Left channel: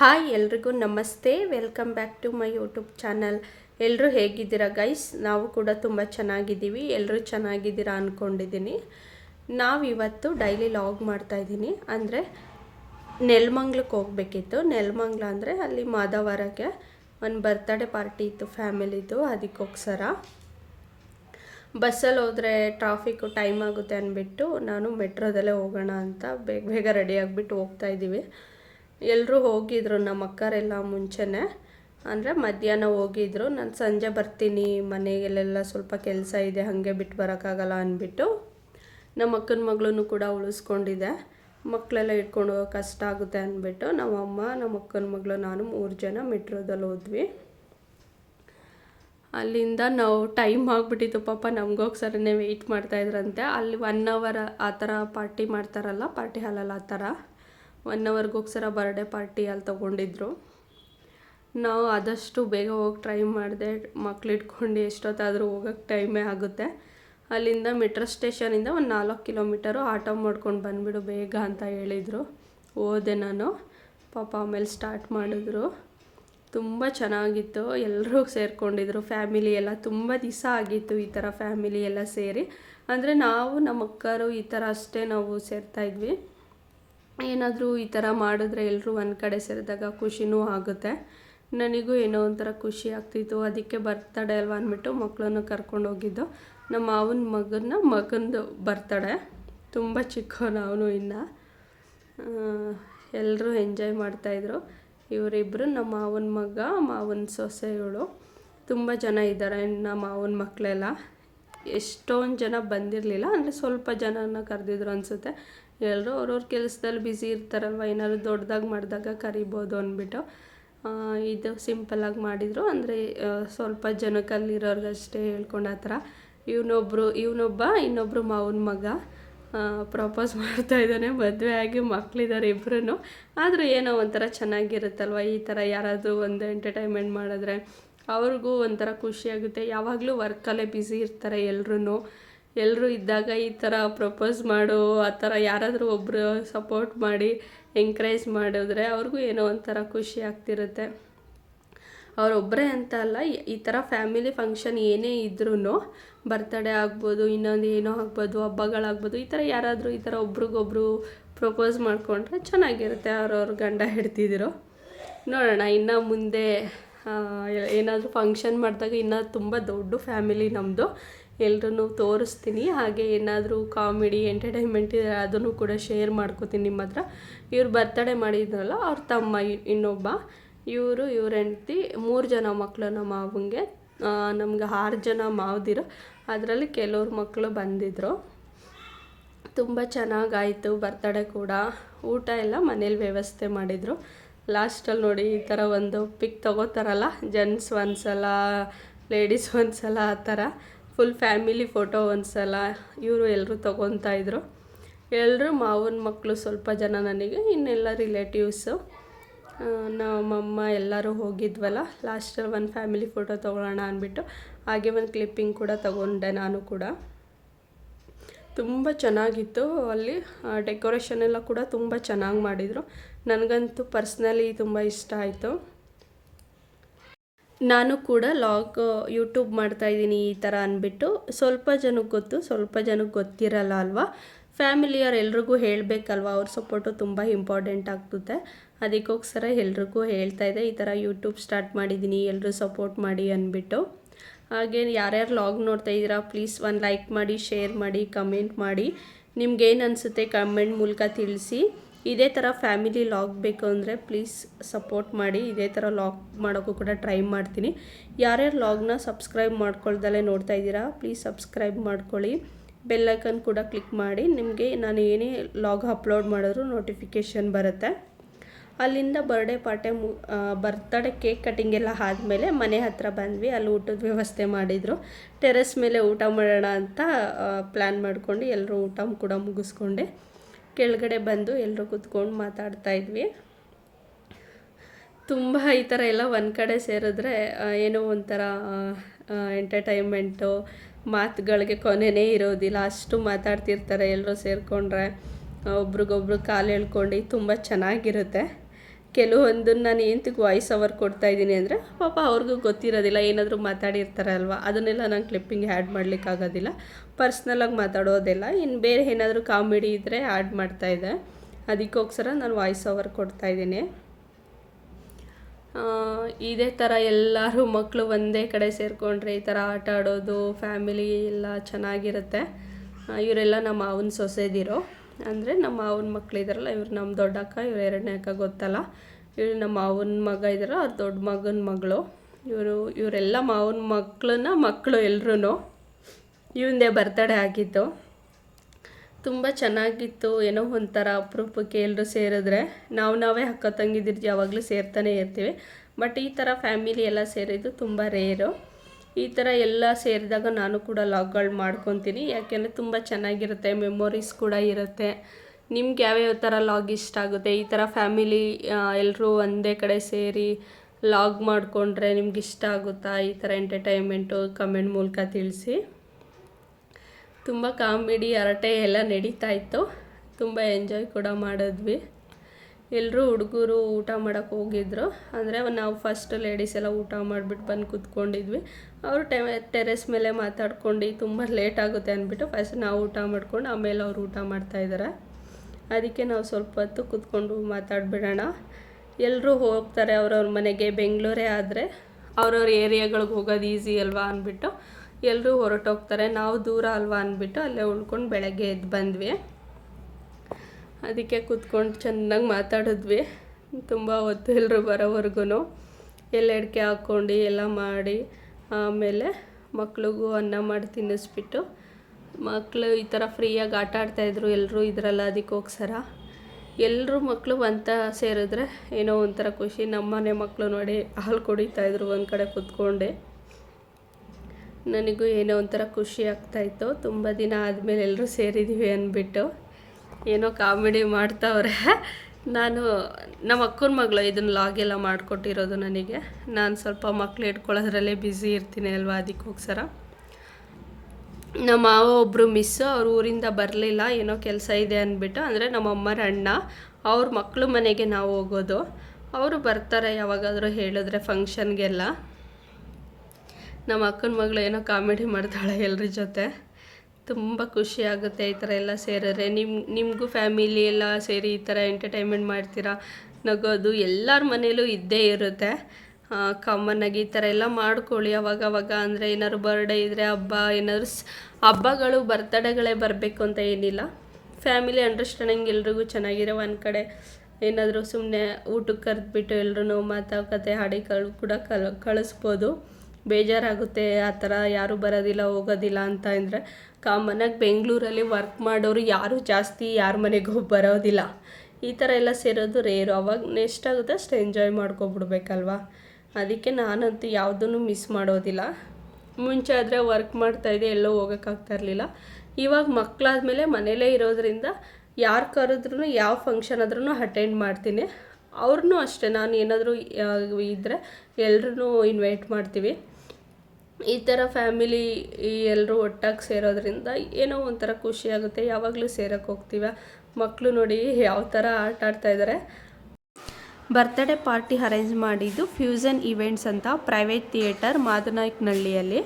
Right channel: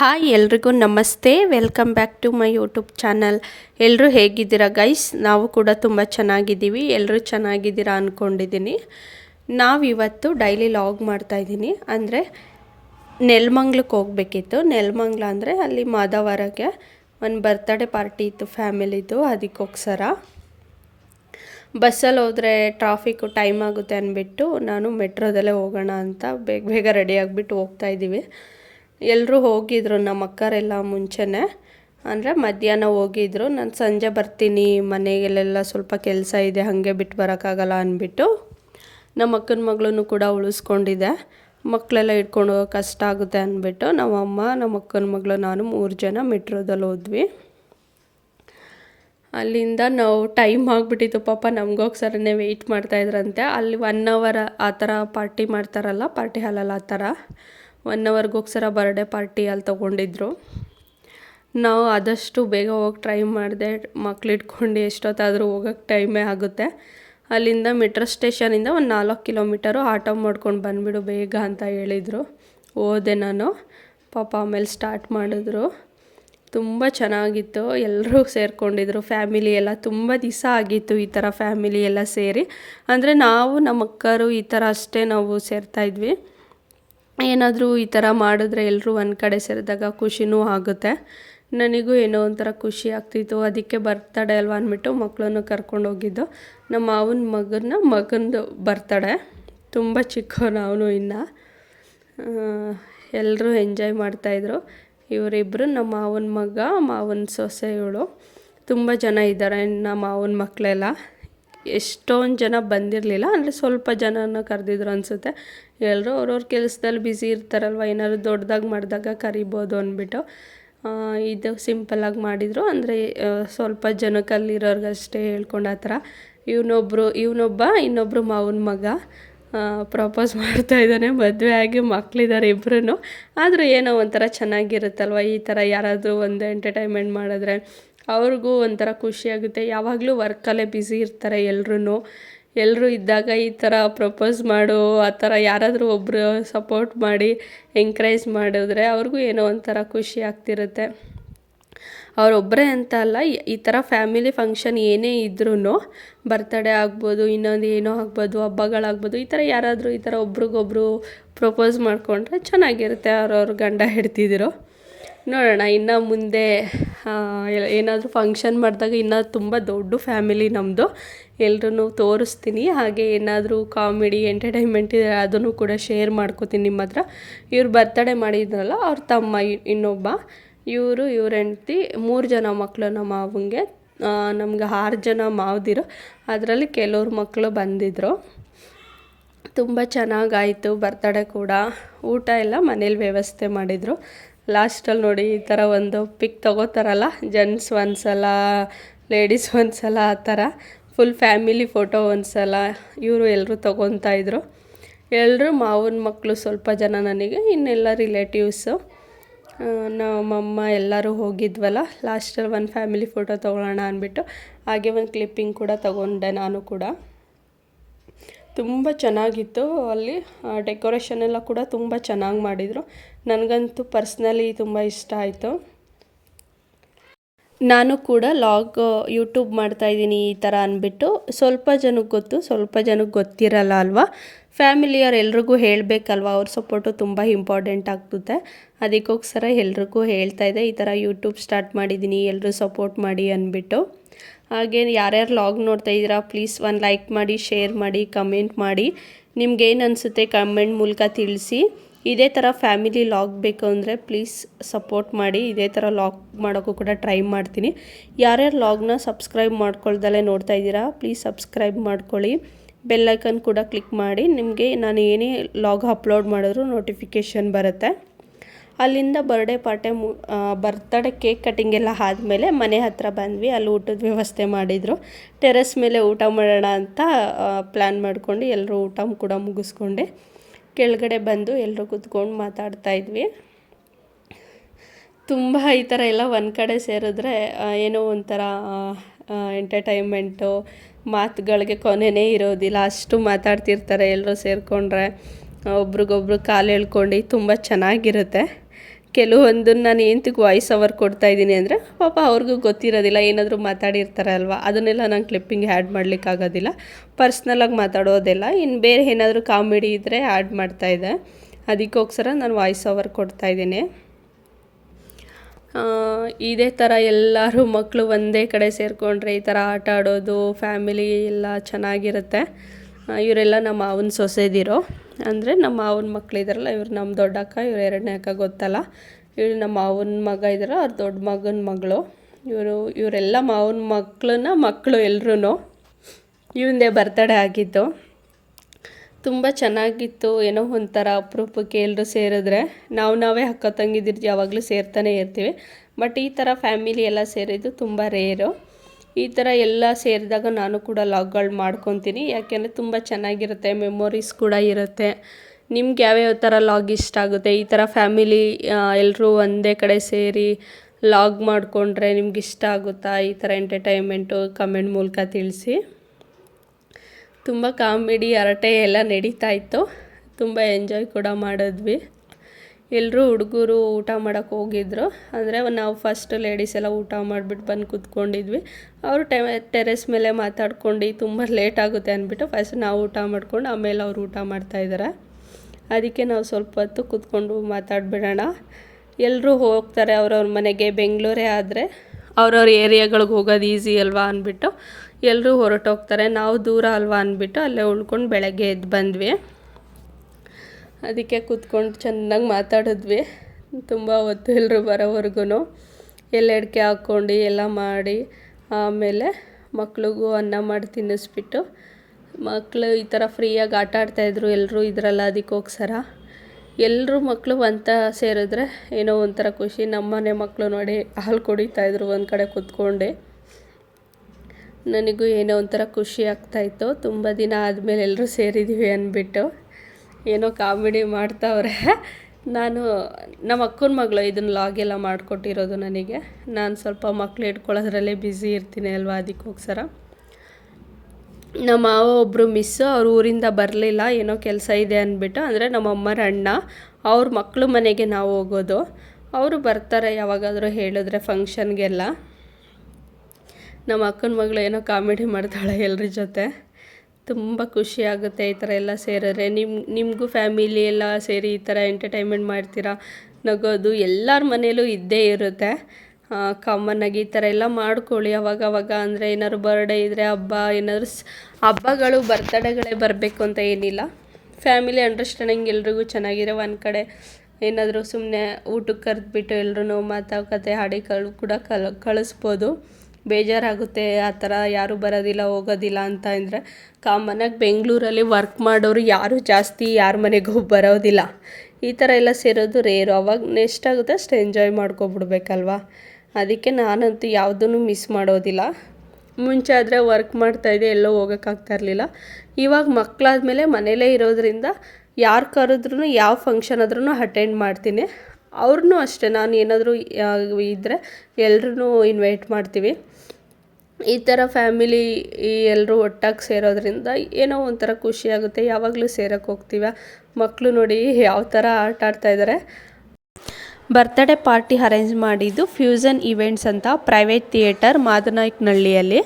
Hi ಎಲ್ರಿಗೂ ನಮಸ್ತೆ, welcome back to my YouTube channel. ಎಲ್ಲರೂ ಹೇಗಿದ್ದೀರಾ ಗೈಸ್? ನಾವು ಕೂಡ ತುಂಬ ಚೆನ್ನಾಗಿದ್ದೀವಿ. ಎಲ್ಲರೂ ಚೆನ್ನಾಗಿದ್ದೀರಾ ಅಂದ್ಕೊಂಡಿದ್ದೀನಿ. ನಾವಿವತ್ತು ಡೈಲಿ ಲಾಗ್ ಮಾಡ್ತಾಯಿದ್ದೀನಿ. ಅಂದರೆ ನೆಲಮಂಗ್ಲಕ್ಕೆ ಹೋಗಬೇಕಿತ್ತು. ನೆಲಮಂಗ್ಲ ಅಂದರೆ ಅಲ್ಲಿ ಮಾದವರಗೆ ಒಂದು ಬರ್ತ್ಡೇ ಪಾರ್ಟಿ ಇತ್ತು ಫ್ಯಾಮಿಲಿದು, ಅದಕ್ಕೋಸ್ಕರ ಬಸ್ಸಲ್ಲಿ ಹೋದರೆ ಟ್ರಾಫಿಕ್ಕು ಟೈಮ್ ಆಗುತ್ತೆ ಅಂದ್ಬಿಟ್ಟು ನಾನು ಮೆಟ್ರೋದಲ್ಲೇ ಹೋಗೋಣ ಅಂತ ಬೇಗ ಬೇಗ ರೆಡಿ ಆಗಿಬಿಟ್ಟು ಹೋಗ್ತಾಯಿದ್ದೀವಿ. ಎಲ್ಲರೂ ಹೋಗಿದ್ರು, ನಮ್ಮ ಅಕ್ಕರೆಲ್ಲ ಮುಂಚೆನೇ, ಅಂದರೆ ಮಧ್ಯಾಹ್ನ ಹೋಗಿದ್ರು. ನಾನು ಸಂಜೆ ಬರ್ತೀನಿ, ಮನೆಯಲ್ಲೆಲ್ಲ ಸ್ವಲ್ಪ ಕೆಲಸ ಇದೆ, ಹಾಗೆ ಬಿಟ್ಟು ಬರೋಕ್ಕಾಗಲ್ಲ ಅಂದ್ಬಿಟ್ಟು ನಮ್ಮ ಅಕ್ಕನ ಮಗಳೂ ಕೂಡ ಉಳಿಸ್ಕೊಂಡಿದ್ದೆ. ಮಕ್ಕಳೆಲ್ಲ ಇಟ್ಕೊಂಡು ಹೋಗೋಕೆ ಕಷ್ಟ ಆಗುತ್ತೆ ಅಂದ್ಬಿಟ್ಟು ನಮ್ಮಮ್ಮ, ನಮ್ಮ ಅಕ್ಕನ ಮಗಳು, ನಾನು 3 ಜನ ಮೆಟ್ರೋದಲ್ಲಿ ಹೋದ್ವಿ. ಅಲ್ಲಿಂದ ನಾವು ಟೈಮ್ ಆಗಿಬಿಟ್ಟಿತ್ತು. ಪಾಪ ನಮಗೋಸ್ಕರನೇ ವೆಯ್ಟ್ ಮಾಡ್ತಾಯಿದ್ರಂತೆ. ಅಲ್ಲಿ 1 ಅವರ್ ಆ ಥರ ಪಾರ್ಟಿ ಮಾಡ್ತಾರಲ್ಲ, ಪಾರ್ಟಿ ಹಾಲಲ್ಲಿ ಆ ಥರ 1 ಅವರ್ಗೋಸ್ಕರ ಬರ್ಡೇ ಪಾರ್ಟಿ ಅಲ್ಲಿ ತೊಗೊಂಡಿದ್ರು. ನಾವು ಆದಷ್ಟು ಬೇಗ ಹೋಗಿ ಟ್ರೈ ಮಾಡಿದೆ. ಮಕ್ಳು ಇಟ್ಕೊಂಡು ಎಷ್ಟೊತ್ತಾದರೂ ಹೋಗೋಕ್ಕೆ ಟೈಮೇ ಆಗುತ್ತೆ. ಅಲ್ಲಿಂದ ಮೆಟ್ರೋ ಸ್ಟೇಷನಿಂದ ಒಂದು 4 ಕಿಲೋಮೀಟರು ಆಟೋ ಮಾಡ್ಕೊಂಡು ಬಂದುಬಿಡು ಬೇಗ ಅಂತ ಹೇಳಿದರು. ಹೋದೆ ನಾನು. ಪಾಪ ಆಮೇಲೆ ಸ್ಟಾರ್ಟ್ ಮಾಡಿದ್ರು. ತುಂಬ ಚೆನ್ನಾಗಿತ್ತು. ಎಲ್ಲರೂ ಸೇರಿಕೊಂಡಿದ್ರು, ಫ್ಯಾಮಿಲಿ ಎಲ್ಲ. ತುಂಬ ದಿವಸ ಆಗಿತ್ತು ಈ ಥರ ಫ್ಯಾಮಿಲಿ ಎಲ್ಲ ಸೇರಿ. ಅಂದರೆ ನಾವು ನಮ್ಮ ಅಕ್ಕರು ಈ ಥರ ಅಷ್ಟೇ ನಾವು ಸೇರ್ತಾಯಿದ್ವಿ. ಏನಾದರೂ ಈ ಥರ ಮಾಡಿದ್ರೆ ಎಲ್ಲರೂ ಒಂದು ಕಡೆ ಸೇರಿದಾಗ ಖುಷಿನೂ ಆಗುತ್ತೆ. ನನಗೂ ಏನೋ ಒಂಥರ ಖುಷಿ ಆಗ್ತಿತ್ತು. ಅದಕ್ಕೆ ಬರ್ತಡೇ ಅಲ್ವಾ ಅಂದ್ಬಿಟ್ಟು ಮಕ್ಕಳನ್ನು ಕರ್ಕೊಂಡು ಹೋಗಿದ್ದು. ನಮ್ಮ ಮಾವನ ಮಗಂದು ಬರ್ತಡೇ. ತುಂಬ ಚಿಕ್ಕವನು ಅವನು ಇನ್ನು. ಎಲ್ಲರೂ ಎಂಜಾಯ್ ಮಾಡ್ತಾಯಿದ್ರು. ಇವರಿಬ್ಬರು ನಮ್ಮ ಮಾವನ ಮಗ, ಮಾವನ ಸೊಸೆ ಇವಳು. ತುಂಬ ಜನ ಇದ್ದಾರೆ ನಮ್ಮ ಮಾವನ ಮಕ್ಕಳೆಲ್ಲ. ಎಷ್ಟೊಂದು ಜನ ಬಂದಿರಲಿಲ್ಲ, ಅಂದರೆ ಸ್ವಲ್ಪ ಜನನ ಕರೆದಿದ್ರು ಅನಿಸುತ್ತೆ. ಎಲ್ಲರೂ ಅವ್ರವ್ರ ಕೆಲಸದಲ್ಲಿ ಬ್ಯುಸಿ ಇರ್ತಾರಲ್ವ, ಏನಾದ್ರು ದೊಡ್ಡದಾಗಿ ಮಾಡಿದಾಗ ಕರಿಬೋದು ಅಂದ್ಬಿಟ್ಟು ಇದು ಸಿಂಪಲ್ಲಾಗಿ ಮಾಡಿದರು. ಅಂದರೆ ಸ್ವಲ್ಪ ಜನಕ್ಕೆ ಅಲ್ಲಿರೋರ್ಗಷ್ಟೇ ಹೇಳ್ಕೊಂಡು ಆ ಥರ. ಇನ್ನೊಬ್ಬರು ಮಾವನ ಮಗ ಪ್ರಪೋಸ್ ಮಾಡ್ತಾಯಿದ್ದಾನೆ. ಮದುವೆ ಆಗಿ ಮಕ್ಕಳಿದ್ದಾರೆ ಇಬ್ಬರೂ. ಆದರೂ ಏನೋ ಒಂಥರ ಚೆನ್ನಾಗಿರುತ್ತಲ್ವ, ಈ ಥರ ಯಾರಾದರೂ ಒಂದು ಎಂಟರ್ಟೈನ್ಮೆಂಟ್ ಮಾಡಿದ್ರೆ ಅವ್ರಿಗೂ ಒಂಥರ ಖುಷಿಯಾಗುತ್ತೆ. ಯಾವಾಗಲೂ ವರ್ಕಲ್ಲೇ ಬ್ಯುಸಿ ಇರ್ತಾರೆ ಎಲ್ಲರೂ ಇದ್ದಾಗ ಈ ಥರ ಪ್ರಪೋಸ್ ಮಾಡು, ಆ ಥರ ಯಾರಾದರೂ ಒಬ್ಬರು ಸಪೋರ್ಟ್ ಮಾಡಿ ಎಂಕರೇಜ್ ಮಾಡಿದ್ರೆ ಅವ್ರಿಗೂ ಏನೋ ಒಂಥರ ಖುಷಿ ಆಗ್ತಿರುತ್ತೆ. ಅವರೊಬ್ಬರೇ ಅಂತ ಅಲ್ಲ, ಈ ಥರ ಫ್ಯಾಮಿಲಿ ಫಂಕ್ಷನ್ ಏನೇ ಇದ್ರೂ, ಬರ್ತಡೇ ಆಗ್ಬೋದು, ಇನ್ನೊಂದು ಏನೋ ಆಗ್ಬೋದು, ಹಬ್ಬಗಳಾಗ್ಬೋದು, ಈ ಥರ ಯಾರಾದರೂ ಈ ಥರ ಒಬ್ರಿಗೊಬ್ರು ಪ್ರಪೋಸ್ ಮಾಡಿಕೊಂಡ್ರೆ ಚೆನ್ನಾಗಿರುತ್ತೆ. ಅವ್ರವ್ರ ಗಂಡ ಹೆಡ್ತಿದ್ರು. ನೋಡೋಣ ಇನ್ನು ಮುಂದೆ ಏನಾದರೂ ಫಂಕ್ಷನ್ ಮಾಡಿದಾಗ ಇನ್ನೂ ತುಂಬ ದೊಡ್ಡ ಫ್ಯಾಮಿಲಿ ನಮ್ಮದು. ಎಲ್ಲರೂ ತೋರಿಸ್ತೀನಿ. ಹಾಗೆ ಏನಾದರೂ ಕಾಮಿಡಿ ಎಂಟರ್ಟೈನ್ಮೆಂಟ್ ಇದೆ ಅದನ್ನು ಕೂಡ ಶೇರ್ ಮಾಡ್ಕೋತೀನಿ ನಿಮ್ಮ ಹತ್ರ. ಇವ್ರು ಬರ್ತಡೇ ಮಾಡಿದ್ರಲ್ಲ, ಅವ್ರ ತಮ್ಮ ಇನ್ನೊಬ್ಬ, ಇವ್ರ ಹೆಂಡ್ತಿ, 3 ಜನ ಮಕ್ಕಳು ನಮ್ಮ ಮಾವಂಗೆ. ನಮ್ಗೆ 6 ಜನ ಮಾವದಿರು, ಅದರಲ್ಲಿ ಕೆಲವ್ರ ಮಕ್ಕಳು ಬಂದಿದ್ದರು. ತುಂಬ ಚೆನ್ನಾಗಾಯಿತು ಬರ್ತಡೇ ಕೂಡ. ಊಟ ಎಲ್ಲ ಮನೇಲಿ ವ್ಯವಸ್ಥೆ ಮಾಡಿದರು. ಲಾಸ್ಟಲ್ಲಿ ನೋಡಿ ಈ ಥರ ಒಂದು ಪಿಕ್ ತೊಗೋತಾರಲ್ಲ, ಜೆಂಟ್ಸ್ ಒಂದು ಸಲ, ಲೇಡೀಸ್ ಒಂದು ಸಲ, ಆ ಥರ ಫುಲ್ ಫ್ಯಾಮಿಲಿ ಫೋಟೋ ಒಂದು ಸಲ ಇವರು ಎಲ್ಲರೂ ತೊಗೊತಾಯಿದ್ರು. ಎಲ್ಲರೂ ಮಾವನ ಮಕ್ಕಳು ಸ್ವಲ್ಪ ಜನ, ನನಗೆ ಇನ್ನೆಲ್ಲ ರಿಲೇಟಿವ್ಸು, ನಮ್ಮಮ್ಮ ಎಲ್ಲರೂ ಹೋಗಿದ್ವಲ್ಲ. ಲಾಸ್ಟಲ್ಲಿ ಒಂದು ಫ್ಯಾಮಿಲಿ ಫೋಟೋ ತೊಗೊಳ್ಳೋಣ ಅಂದ್ಬಿಟ್ಟು ಹಾಗೆ ಒಂದು ಕ್ಲಿಪ್ಪಿಂಗ್ ಕೂಡ ತೊಗೊಂಡೆ ನಾನು ಕೂಡ. ತುಂಬ ಚೆನ್ನಾಗಿತ್ತು. ಅಲ್ಲಿ ಡೆಕೋರೇಷನ್ ಎಲ್ಲ ಕೂಡ ತುಂಬ ಚೆನ್ನಾಗಿ ಮಾಡಿದರು. ನನಗಂತೂ ಪರ್ಸ್ನಲಿ ತುಂಬ ಇಷ್ಟ ಆಯಿತು. ನಾನು ಕೂಡ ಯೂಟ್ಯೂಬ್ ಮಾಡ್ತಾಯಿದ್ದೀನಿ ಈ ಥರ ಅಂದ್ಬಿಟ್ಟು ಸ್ವಲ್ಪ ಜನಕ್ಕೆ ಗೊತ್ತು, ಸ್ವಲ್ಪ ಜನಕ್ಕೆ ಗೊತ್ತಿರಲ್ಲ ಅಲ್ವಾ. ಫ್ಯಾಮಿಲಿಯವ್ರು ಎಲ್ರಿಗೂ ಹೇಳಬೇಕಲ್ವ, ಅವ್ರ ಸಪೋರ್ಟು ತುಂಬ ಇಂಪಾರ್ಟೆಂಟ್ ಆಗ್ತದೆ. ಅದಕ್ಕೋಸ್ಕರ ಎಲ್ರಿಗೂ ಹೇಳ್ತಾಯಿದ್ದೆ, ಈ ಥರ ಯೂಟ್ಯೂಬ್ ಸ್ಟಾರ್ಟ್ ಮಾಡಿದ್ದೀನಿ, ಎಲ್ಲರೂ ಸಪೋರ್ಟ್ ಮಾಡಿ ಅಂದ್ಬಿಟ್ಟು. ಹಾಗೆ ಯಾರ್ಯಾರು ಲಾಗ್ ನೋಡ್ತಾ ಇದ್ದೀರಾ, ಪ್ಲೀಸ್ ಒಂದು ಲೈಕ್ ಮಾಡಿ, ಶೇರ್ ಮಾಡಿ, ಕಮೆಂಟ್ ಮಾಡಿ. ನಿಮ್ಗೇನು ಅನಿಸುತ್ತೆ ಕಮೆಂಟ್ ಮೂಲಕ ತಿಳಿಸಿ. ಇದೇ ಥರ ಫ್ಯಾಮಿಲಿ ಲಾಗ್ ಬೇಕು ಅಂದರೆ ಪ್ಲೀಸ್ ಸಪೋರ್ಟ್ ಮಾಡಿ. ಇದೇ ಥರ ಲಾಗ್ ಮಾಡೋಕ್ಕೂ ಕೂಡ ಟ್ರೈ ಮಾಡ್ತೀನಿ. ಯಾರ್ಯಾರು ಲಾಗ್ನ ಸಬ್ಸ್ಕ್ರೈಬ್ ಮಾಡ್ಕೊಳ್ದಲ್ಲೇ ನೋಡ್ತಾ ಇದ್ದೀರಾ, ಪ್ಲೀಸ್ ಸಬ್ಸ್ಕ್ರೈಬ್ ಮಾಡ್ಕೊಳ್ಳಿ. ಬೆಲ್ಲೈಕನ್ ಕೂಡ ಕ್ಲಿಕ್ ಮಾಡಿ. ನಿಮಗೆ ನಾನು ಏನೇ ಲಾಗ್ ಅಪ್ಲೋಡ್ ಮಾಡಿದ್ರು ನೋಟಿಫಿಕೇಷನ್ ಬರುತ್ತೆ. ಅಲ್ಲಿಂದ ಬರ್ತಡೇ ಕೇಕ್ ಕಟ್ಟಿಂಗ್ ಎಲ್ಲ ಆದಮೇಲೆ ಮನೆ ಹತ್ರ ಬಂದ್ವಿ. ಅಲ್ಲಿ ಊಟದ ವ್ಯವಸ್ಥೆ ಮಾಡಿದರು. ಟೆರೆಸ್ ಮೇಲೆ ಊಟ ಮಾಡೋಣ ಅಂತ ಪ್ಲ್ಯಾನ್ ಮಾಡ್ಕೊಂಡು ಎಲ್ಲರೂ ಊಟ ಕೂಡ ಮುಗಿಸ್ಕೊಂಡೆ ಕೆಳಗಡೆ ಬಂದು ಎಲ್ಲರೂ ಕೂತ್ಕೊಂಡು ಮಾತಾಡ್ತಾಯಿದ್ವಿ. ತುಂಬ ಈ ಥರ ಎಲ್ಲ ಒಂದು ಕಡೆ ಸೇರಿದ್ರೆ ಏನೋ ಒಂಥರ ಎಂಟರ್ಟೈನ್ಮೆಂಟು, ಮಾತುಗಳಿಗೆ ಕೊನೆಯೇ ಇರೋದಿಲ್ಲ, ಅಷ್ಟು ಮಾತಾಡ್ತಿರ್ತಾರೆ ಎಲ್ಲರೂ ಸೇರಿಕೊಂಡ್ರೆ. ಒಬ್ರಿಗೊಬ್ರು ಕಾಲು ಎಳ್ಕೊಂಡು ತುಂಬ ಚೆನ್ನಾಗಿರುತ್ತೆ. ಕೆಲವೊಂದನ್ನು ನಾನು ಎಂತಕ್ಕೆ ವಾಯ್ಸ್ ಓವರ್ ಕೊಡ್ತಾಯಿದ್ದೀನಿ ಅಂದರೆ ಪಾಪ ಅವ್ರಿಗೂ ಗೊತ್ತಿರೋದಿಲ್ಲ, ಏನಾದರೂ ಮಾತಾಡಿರ್ತಾರೆ ಅಲ್ವಾ, ಅದನ್ನೆಲ್ಲ ನಾನು ಕ್ಲಿಪ್ಪಿಂಗ್ ಆ್ಯಡ್ ಮಾಡಲಿಕ್ಕಾಗೋದಿಲ್ಲ. ಪರ್ಸ್ನಲಾಗಿ ಮಾತಾಡೋದೆಲ್ಲ, ಇನ್ನು ಬೇರೆ ಏನಾದರೂ ಕಾಮಿಡಿ ಇದ್ದರೆ ಆ್ಯಡ್ ಮಾಡ್ತಾಯಿದ್ದೆ. ಅದಕ್ಕೋಸ್ಕರ ನಾನು ವಾಯ್ಸ್ ಓವರ್ ಕೊಡ್ತಾಯಿದ್ದೀನಿ. ಇದೇ ಥರ ಎಲ್ಲರೂ ಮಕ್ಕಳು ಒಂದೇ ಕಡೆ ಸೇರಿಕೊಂಡ್ರೆ ಈ ಥರ ಆಟ ಆಡೋದು, ಫ್ಯಾಮಿಲಿ ಎಲ್ಲ ಚೆನ್ನಾಗಿರುತ್ತೆ. ಇವರೆಲ್ಲ ನಮ್ಮ ಮಾವನ ಸೊಸೆದಿರೋ, ಅಂದರೆ ನಮ್ಮ ಮಾವನ ಮಕ್ಕಳಿದಾರಲ್ಲ, ಇವ್ರು ನಮ್ಮ ದೊಡ್ಡಕ್ಕ, ಇವ್ರು ಎರಡನೇ ಅಕ್ಕ ಗೊತ್ತಲ್ಲ, ಇವ್ರು ನಮ್ಮ ಮಾವನ ಮಗ ಇದ್ದಾರೋ ಅವ್ರ ದೊಡ್ಡ ಮಗನ ಮಗಳು. ಇವರೆಲ್ಲ ಮಾವನ ಮಕ್ಕಳು ಎಲ್ಲರೂ. ಇವಂದೇ ಬರ್ತಡೇ ಆಗಿತ್ತು, ತುಂಬ ಚೆನ್ನಾಗಿತ್ತು. ಏನೋ ಒಂಥರ ಅಪರೂಪಕ್ಕೆ ಎಲ್ಲರೂ ಸೇರಿದ್ರೆ, ನಾವೇ ಅಕ್ಕ ತಂಗಿದಿರು ಯಾವಾಗಲೂ ಸೇರ್ತಾನೆ ಇರ್ತೀವಿ. ಬಟ್ ಈ ಥರ ಫ್ಯಾಮಿಲಿ ಎಲ್ಲ ಸೇರಿದ್ದು ತುಂಬ ರೇರು. ಈ ಥರ ಎಲ್ಲ ಸೇರಿದಾಗ ನಾನು ಕೂಡ ಲಾಗ್ಗಳು ಮಾಡ್ಕೊತೀನಿ, ಯಾಕೆಂದರೆ ತುಂಬ ಚೆನ್ನಾಗಿರುತ್ತೆ, ಮೆಮೊರೀಸ್ ಕೂಡ ಇರುತ್ತೆ. ನಿಮ್ಗೆ ಯಾವ್ಯಾವ ಥರ ಲಾಗ್ ಇಷ್ಟ ಆಗುತ್ತೆ, ಈ ಥರ ಫ್ಯಾಮಿಲಿ ಎಲ್ಲರೂ ಒಂದೇ ಕಡೆ ಸೇರಿ ಲಾಗ್ ಮಾಡಿಕೊಂಡ್ರೆ ನಿಮ್ಗೆ ಇಷ್ಟ ಆಗುತ್ತಾ, ಈ ಥರ ಎಂಟರ್ಟೈನ್ಮೆಂಟು ಕಮೆಂಟ್ ಮೂಲಕ ತಿಳಿಸಿ. ತುಂಬ ಕಾಮಿಡಿ ಹರಟೆ ಎಲ್ಲ ನಡೀತಾ ಇತ್ತು, ತುಂಬ ಎಂಜಾಯ್ ಕೂಡ ಮಾಡಿದ್ವಿ. ಎಲ್ಲರೂ ಹುಡುಗರು ಊಟ ಮಾಡೋಕ್ಕೆ ಹೋಗಿದ್ರು, ಅಂದರೆ ನಾವು ಫಸ್ಟ್ ಲೇಡೀಸ್ ಎಲ್ಲ ಊಟ ಮಾಡಿಬಿಟ್ಟು ಬಂದು ಕೂತ್ಕೊಂಡಿದ್ವಿ. ಅವರು ಟೆರೆಸ್ ಮೇಲೆ ಮಾತಾಡ್ಕೊಂಡು ತುಂಬ ಲೇಟ್ ಆಗುತ್ತೆ ಅಂದ್ಬಿಟ್ಟು ಫಸ್ಟ್ ನಾವು ಊಟ ಮಾಡ್ಕೊಂಡು ಆಮೇಲೆ ಅವ್ರು ಊಟ ಮಾಡ್ತಾಯಿದ್ದಾರೆ. ಅದಕ್ಕೆ ನಾವು ಸ್ವಲ್ಪ ಹೊತ್ತು ಕೂತ್ಕೊಂಡು ಮಾತಾಡ್ಬಿಡೋಣ. ಎಲ್ಲರೂ ಹೋಗ್ತಾರೆ ಅವ್ರವ್ರ ಮನೆಗೆ. ಬೆಂಗಳೂರೇ ಆದರೆ ಅವ್ರವ್ರ ಏರಿಯಾಗಳಿಗೆ ಹೋಗೋದು ಈಸಿ ಅಲ್ವಾ ಅಂದ್ಬಿಟ್ಟು ಎಲ್ಲರೂ ಹೊರಟೋಗ್ತಾರೆ. ನಾವು ದೂರ ಅಲ್ವಾ ಅಂದ್ಬಿಟ್ಟು ಅಲ್ಲೇ ಉಳ್ಕೊಂಡು ಬೆಳಗ್ಗೆ ಎದ್ದು ಬಂದ್ವಿ. ಅದಕ್ಕೆ ಕೂತ್ಕೊಂಡು ಚೆನ್ನಾಗಿ ಮಾತಾಡಿದ್ವಿ ತುಂಬ ಹೊತ್ತು, ಎಲ್ಲರೂ ಬರೋವರೆಗೂ. ಎಲೆಡ್ಕೆ ಹಾಕ್ಕೊಂಡು ಎಲ್ಲ ಮಾಡಿ ಆಮೇಲೆ ಮಕ್ಳಿಗೂ ಅನ್ನ ಮಾಡಿ ತಿನ್ನಿಸ್ಬಿಟ್ಟು, ಮಕ್ಕಳು ಈ ಥರ ಫ್ರೀಯಾಗಿ ಆಟ ಆಡ್ತಾಯಿದ್ರು ಎಲ್ಲರೂ ಇದರಲ್ಲ. ಅದಕ್ಕೋಸ್ಕರ ಎಲ್ಲರೂ ಮಕ್ಕಳು ಅಂತ ಸೇರಿದ್ರೆ ಏನೋ ಒಂಥರ ಖುಷಿ. ನಮ್ಮನೆ ಮಕ್ಕಳು ನೋಡಿ ಹಾಲು ಕುಡಿತಾಯಿದ್ರು ಒಂದು ಕಡೆ ಕೂತ್ಕೊಂಡೆ. ನನಗೂ ಏನೋ ಒಂಥರ ಖುಷಿ ಆಗ್ತಾಯಿತ್ತು, ತುಂಬ ದಿನ ಆದಮೇಲೆ ಎಲ್ಲರೂ ಸೇರಿದ್ದೀವಿ ಅಂದ್ಬಿಟ್ಟು. ಏನೋ ಕಾಮಿಡಿ ಮಾಡ್ತಾವ್ರೆ. ನಾನು ನಮ್ಮ ಅಕ್ಕನ ಮಗಳು ಇದನ್ನು ಲಾಗೆಲ್ಲ ಮಾಡಿಕೊಟ್ಟಿರೋದು ನನಗೆ. ನಾನು ಸ್ವಲ್ಪ ಮಕ್ಳು ಇಟ್ಕೊಳ್ಳೋದ್ರಲ್ಲೇ ಬ್ಯುಸಿ ಇರ್ತೀನಿ ಅಲ್ವಾ, ಅದಕ್ಕೋಸ್ಕರ. ನಮ್ಮ ಮಾವ ಒಬ್ಬರು ಮಿಸ್ಸು, ಅವ್ರ ಊರಿಂದ ಬರಲಿಲ್ಲ, ಏನೋ ಕೆಲಸ ಇದೆ ಅಂದ್ಬಿಟ್ಟು. ಅಂದರೆ ನಮ್ಮ ಅಮ್ಮರ ಅಣ್ಣ, ಅವ್ರ ಮಕ್ಕಳು ಮನೆಗೆ ನಾವು ಹೋಗೋದು. ಅವರು ಬರ್ತಾರೆ ಯಾವಾಗಾದರೂ ಹೇಳಿದ್ರೆ ಫಂಕ್ಷನ್ಗೆಲ್ಲ. ನಮ್ಮ ಅಕ್ಕನ ಮಗಳು ಏನೋ ಕಾಮಿಡಿ ಮಾಡ್ತಾಳೆ ಎಲ್ಲರ ಜೊತೆ. ತುಂಬ ಖುಷಿ ಆಗುತ್ತೆ ಈ ಥರ ಎಲ್ಲ ಸೇರಿದ್ರೆ. ನಿಮಗೂ ಫ್ಯಾಮಿಲಿ ಎಲ್ಲ ಸೇರಿ ಈ ಥರ ಎಂಟರ್ಟೈನ್ಮೆಂಟ್ ಮಾಡ್ತೀರಾ, ನಗೋದು ಎಲ್ಲರ ಮನೇಲೂ ಇದ್ದೇ ಇರುತ್ತೆ. ಕಾಮನ್ನಾಗಿ ಈ ಥರ ಎಲ್ಲ ಮಾಡ್ಕೊಳ್ಳಿ ಅವಾಗವಾಗ. ಅಂದರೆ ಏನಾದ್ರು ಬರ್ಡೇ ಇದ್ದರೆ, ಹಬ್ಬ ಏನಾದರೂ ಹಬ್ಬಗಳು ಬರ್ತಡೇಗಳೇ ಬರಬೇಕು ಅಂತ ಏನಿಲ್ಲ. ಫ್ಯಾಮಿಲಿ ಅಂಡರ್ಸ್ಟ್ಯಾಂಡಿಂಗ್ ಎಲ್ರಿಗೂ ಚೆನ್ನಾಗಿರೋ ಒಂದು ಕಡೆ ಏನಾದರೂ ಸುಮ್ಮನೆ ಊಟಕ್ಕೆ ಕರೆದ್ಬಿಟ್ಟು ಎಲ್ಲರೂ ಮಾತಾಡ್ಕತೆ ಹಾಡಿಗಳು ಕೂಡ ಕಳಿಸ್ಬೋದು. ಬೇಜಾರಾಗುತ್ತೆ ಆ ಥರ ಯಾರೂ ಬರೋದಿಲ್ಲ ಹೋಗೋದಿಲ್ಲ ಅಂತ. ಅಂದರೆ ಕಾಮನ್ನಾಗಿ ಬೆಂಗಳೂರಲ್ಲಿ ವರ್ಕ್ ಮಾಡೋರು ಯಾರೂ ಜಾಸ್ತಿ ಯಾರ ಮನೆಗೂ ಬರೋದಿಲ್ಲ. ಈ ಥರ ಎಲ್ಲ ಸೇರೋದು ರೇರು. ಅವಾಗ ನೆಕ್ಸ್ಟ್ ಆಗುತ್ತೆ ಅಷ್ಟು ಎಂಜಾಯ್ ಮಾಡ್ಕೊಬಿಡ್ಬೇಕಲ್ವ. ಅದಕ್ಕೆ ನಾನಂತೂ ಯಾವುದನ್ನು ಮಿಸ್ ಮಾಡೋದಿಲ್ಲ. ಮುಂಚೆ ಆದರೆ ವರ್ಕ್ ಮಾಡ್ತಾಯಿದ್ದೆ, ಎಲ್ಲೋ ಹೋಗೋಕ್ಕಾಗ್ತಾ ಇರಲಿಲ್ಲ. ಇವಾಗ ಮಕ್ಕಳಾದ್ಮೇಲೆ ಮನೇಲೇ ಇರೋದ್ರಿಂದ ಯಾರು ಕರೆದ್ರೂ ಯಾವ ಫಂಕ್ಷನ್ ಆದ್ರೂ ಅಟೆಂಡ್ ಮಾಡ್ತೀನಿ. ಅವ್ರನ್ನೂ ಅಷ್ಟೇ, ನಾನು ಏನಾದರೂ ಇದ್ದರೆ ಎಲ್ಲರೂ ಇನ್ವೈಟ್ ಮಾಡ್ತೀವಿ. ಈ ಥರ ಫ್ಯಾಮಿಲಿ ಎಲ್ಲರೂ ಒಟ್ಟಾಗಿ ಸೇರೋದ್ರಿಂದ ಏನೋ ಒಂಥರ ಖುಷಿಯಾಗುತ್ತೆ. ಯಾವಾಗಲೂ ಸೇರೋಕ್ಕೆ ಹೋಗ್ತೀವ. ಮಕ್ಕಳು ನೋಡಿ ಯಾವ ಥರ ಆಟ ಆಡ್ತಾಯಿದ್ದಾರೆ. ಬರ್ತ್ಡೇ ಪಾರ್ಟಿ ಅರೇಂಜ್ ಮಾಡಿದ್ದು ಫ್ಯೂಷನ್ ಈವೆಂಟ್ಸ್ ಅಂತ ಪ್ರೈವೇಟ್ ಥಿಯೇಟರ್ ಮಾದನಾಯಕನಹಳ್ಳಿಯಲ್ಲಿ.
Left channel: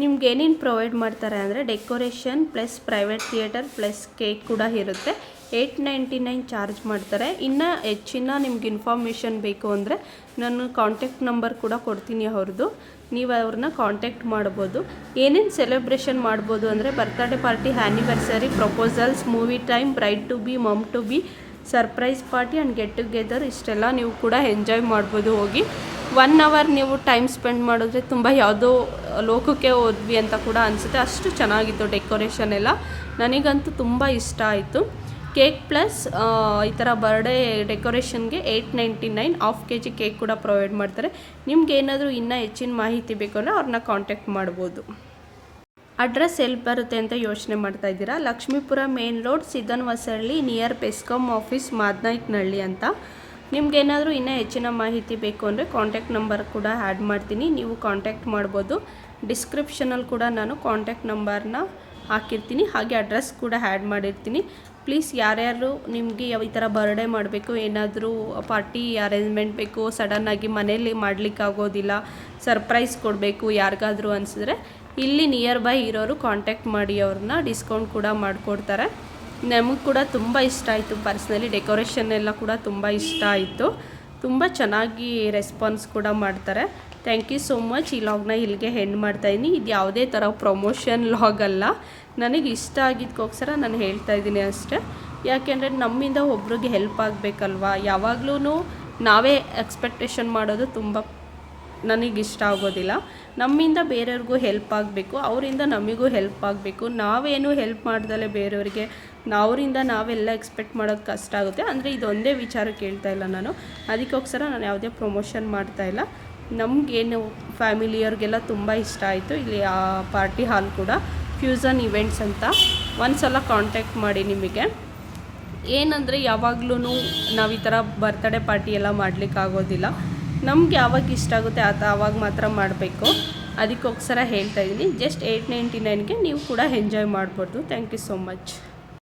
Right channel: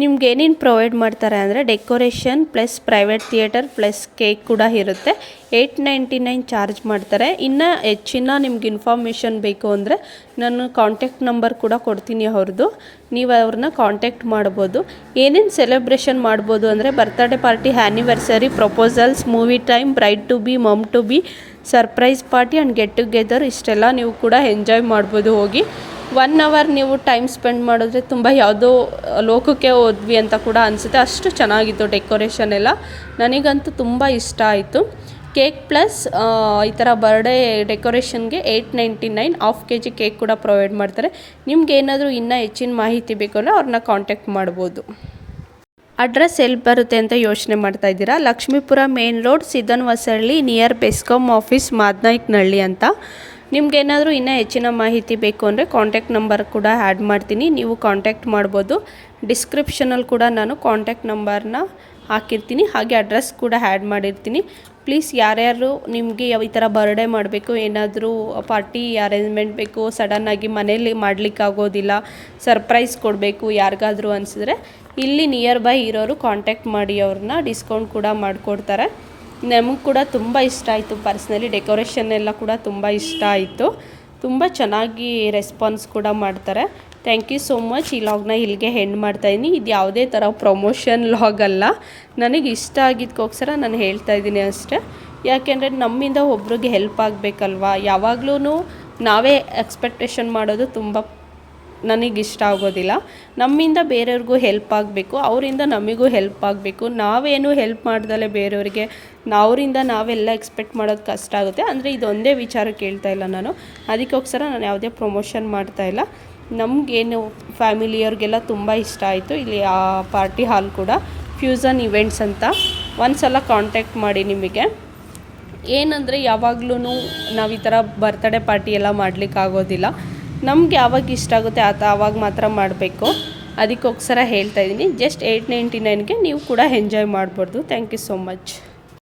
ನಿಮ್ಗೆ ಏನೇನು ಪ್ರೊವೈಡ್ ಮಾಡ್ತಾರೆ ಅಂದರೆ decoration plus private theatre plus cake ಕೂಡ ಇರುತ್ತೆ. 899 ಚಾರ್ಜ್ ಮಾಡ್ತಾರೆ. ಇನ್ನು ಹೆಚ್ಚಿನ ನಿಮ್ಗೆ ಇನ್ಫಾರ್ಮೇಷನ್ ಬೇಕು ಅಂದರೆ ನಾನು ಕಾಂಟ್ಯಾಕ್ಟ್ ನಂಬರ್ ಕೂಡ ಕೊಡ್ತೀನಿ ಅವ್ರದ್ದು, ನೀವು ಅವ್ರನ್ನ ಕಾಂಟ್ಯಾಕ್ಟ್ ಮಾಡ್ಬೋದು. ಏನೇನು ಸೆಲೆಬ್ರೇಷನ್ ಮಾಡ್ಬೋದು ಅಂದರೆ birthday party, anniversary, proposals, movie time, bride to be, mum to be, surprise party and get together, ಇಷ್ಟೆಲ್ಲ ನೀವು ಕೂಡ ಎಂಜಾಯ್ ಮಾಡ್ಬೋದು. ಹೋಗಿ 1 ಅವರ್ ನೀವು ಟೈಮ್ ಸ್ಪೆಂಡ್ ಮಾಡಿದ್ರೆ ತುಂಬ ಯಾವುದೋ ಲೋಕಕ್ಕೆ ಹೋದ್ವಿ ಅಂತ ಕೂಡ ಅನಿಸುತ್ತೆ. ಅಷ್ಟು ಚೆನ್ನಾಗಿತ್ತು ಡೆಕೋರೇಷನ್ ಎಲ್ಲ. ನನಗಂತೂ ತುಂಬ ಇಷ್ಟ ಆಯಿತು. ಕೇಕ್ ಪ್ಲಸ್ ಈ ಥರ ಬರ್ಡೇ ಡೆಕೋರೇಷನ್ಗೆ 899 ಹಾಫ್ kg ಕೇಕ್ ಕೂಡ ಪ್ರೊವೈಡ್ ಮಾಡ್ತಾರೆ. ನಿಮ್ಗೆ ಏನಾದರೂ ಇನ್ನೂ ಹೆಚ್ಚಿನ ಮಾಹಿತಿ ಬೇಕು ಅಂದರೆ ಅವ್ರನ್ನ ಕಾಂಟ್ಯಾಕ್ಟ್ ಮಾಡ್ಬೋದು. ಅಡ್ರೆಸ್ ಎಲ್ಲಿ ಬರುತ್ತೆ ಅಂತ ಯೋಚನೆ ಮಾಡ್ತಾ ಇದ್ದೀರಾ? Lakshmipura main road, Siddan Hosahalli, near BESCOM office, Madanayakanahalli ಅಂತ. ನಿಮ್ಗೇನಾದರೂ ಇನ್ನೂ ಹೆಚ್ಚಿನ ಮಾಹಿತಿ ಬೇಕು ಅಂದರೆ ಕಾಂಟ್ಯಾಕ್ಟ್ ನಂಬರ್ ಕೂಡ ಆ್ಯಡ್ ಮಾಡ್ತೀನಿ, ನೀವು ಕಾಂಟ್ಯಾಕ್ಟ್ ಮಾಡ್ಬೋದು. ಡಿಸ್ಕ್ರಿಪ್ಷನಲ್ಲಿ ಕೂಡ ನಾನು ಕಾಂಟ್ಯಾಕ್ಟ್ ನಂಬರ್ನ ಹಾಕಿರ್ತೀನಿ, ಹಾಗೆ ಅಡ್ರೆಸ್ ಕೂಡ ಆ್ಯಡ್ ಮಾಡಿರ್ತೀನಿ. ಪ್ಲೀಸ್ ಯಾರ್ಯಾರು ನಿಮಗೆ ಈ ಥರ ಬರ್ಡೇ ಮಾಡಬೇಕು, ಏನಾದರೂ ಪಾರ್ಟಿ ಅರೇಂಜ್ಮೆಂಟ್ ಬೇಕು, ಸಡನ್ನಾಗಿ ಮನೇಲಿ ಮಾಡಲಿಕ್ಕಾಗೋದಿಲ್ಲ, ಸರ್ಪ್ರೈಸ್ ಕೊಡಬೇಕು ಯಾರಿಗಾದರೂ ಅನಿಸಿದ್ರೆ ಇಲ್ಲಿ ನಿಯರ್ ಬೈ ಇರೋರು ಕಾಂಟ್ಯಾಕ್ಟ್ ಮಾಡಿ, ಅವ್ರನ್ನ ಡಿಸ್ಕೌಂಟ್ ಕೂಡ ಮಾಡಿಕೊಡ್ತಾರೆ. ನಮಗೆ ಕೂಡ ತುಂಬ ಇಷ್ಟ ಆಯಿತು ಪರ್ಸ್ನಲಿ, ಡೆಕೋರೇಷನ್ ಎಲ್ಲ ಕೂಡ ತುಂಬ ಇಷ್ಟ ಆಯಿತು. ತುಂಬ ಚೆನ್ನಾಗಿ ರೆಸ್ಪಾನ್ಸ್ ಕೂಡ ಮಾಡ್ತಾರೆ. Thank you so much. ಈ ಲಾಗ್ನ ಇಲ್ಲಿಗೆ ಹೆಂಡ್ ಮಾಡ್ತಾಯಿದ್ದೀನಿ. ಇದು ಯಾವುದೇ ಥರ ಪ್ರಮೋಷನ್ ಲಾಗ್ ಅಲ್ಲ, ನನಗೆ ಇಷ್ಟ ಆಗಿದ್ದಕ್ಕೋಸ್ಕರ ನಾನು ಹೇಳ್ತಾಯಿದ್ದೀನಿ ಅಷ್ಟೇ. ಯಾಕೆಂದರೆ ನಮ್ಮಿಂದ ಒಬ್ರಿಗೆ ಹೆಲ್ಪ್ ಆಗಬೇಕಲ್ವ. ಯಾವಾಗಲೂ ನಾವೇ ಎಕ್ಸ್ಪೆಕ್ಟೇಷನ್ ಮಾಡೋದು ತುಂಬ ನನಗಿಷ್ಟ ಆಗೋದಿಲ್ಲ. ನಮ್ಮಿಂದ ಬೇರೆಯವ್ರಿಗೂ ಹೆಲ್ಪ್ ಆಗಬೇಕು, ಅವರಿಂದ ನಮಗೂ ಹೆಲ್ಪ್ ಆಗಬೇಕು. ನಾವೇನು ಹೆಲ್ಪ್ ಮಾಡ್ದಲೇ ಬೇರೆಯವ್ರಿಗೆ ಅವರಿಂದ ನಾವೆಲ್ಲ ಎಕ್ಸ್ಪೆಕ್ಟ್ ಮಾಡೋದು ಕಷ್ಟ ಆಗುತ್ತೆ. ಅಂದರೆ ಇದೊಂದೇ ವಿಚಾರ ಕೇಳ್ತಾ ಇಲ್ಲ ನಾನು, ಅದಕ್ಕೋಸ್ಕರ ನಾನು ಯಾವುದೇ ಪ್ರಮೋಷನ್ ಮಾಡ್ತಾಯಿಲ್ಲ. ನಮಗೇನು ಫ್ಯಾಮಿಲಿಯವ್ರಿಗೆಲ್ಲ ತುಂಬ ಇಷ್ಟ ಆಯಿತು. ಇಲ್ಲಿ ಆ ಪಾರ್ಟಿ ಹಾಲ್ ಕೂಡ ಫ್ಯೂಸನ್ ಇವೆಂಟ್ಸ್ ಅಂತ, ಒಂದು ಸಲ ಕಾಂಟ್ಯಾಕ್ಟ್ ಮಾಡಿ. ನಿಮಗೆ ಏನಂದರೆ ಯಾವಾಗಲೂ ನಾವು ಈ ಥರ ಬರ್ತ್ಡೇ ಪಾರ್ಟಿ ಎಲ್ಲ ಮಾಡಲಿಕ್ಕಾಗೋದಿಲ್ಲ. ನಮ್ಗೆ ಯಾವಾಗ ಇಷ್ಟ ಆಗುತ್ತೆ ಆವಾಗ ಮಾತ್ರ ಮಾಡಬೇಕು. ಅದಕ್ಕೋಸ್ಕರ ಹೇಳ್ತಾಯಿದ್ದೀನಿ. ಜಸ್ಟ್ 899ಗೆ ನೀವು ಕೂಡ ಎಂಜಾಯ್ ಮಾಡ್ಬೋದು. Thank you so much.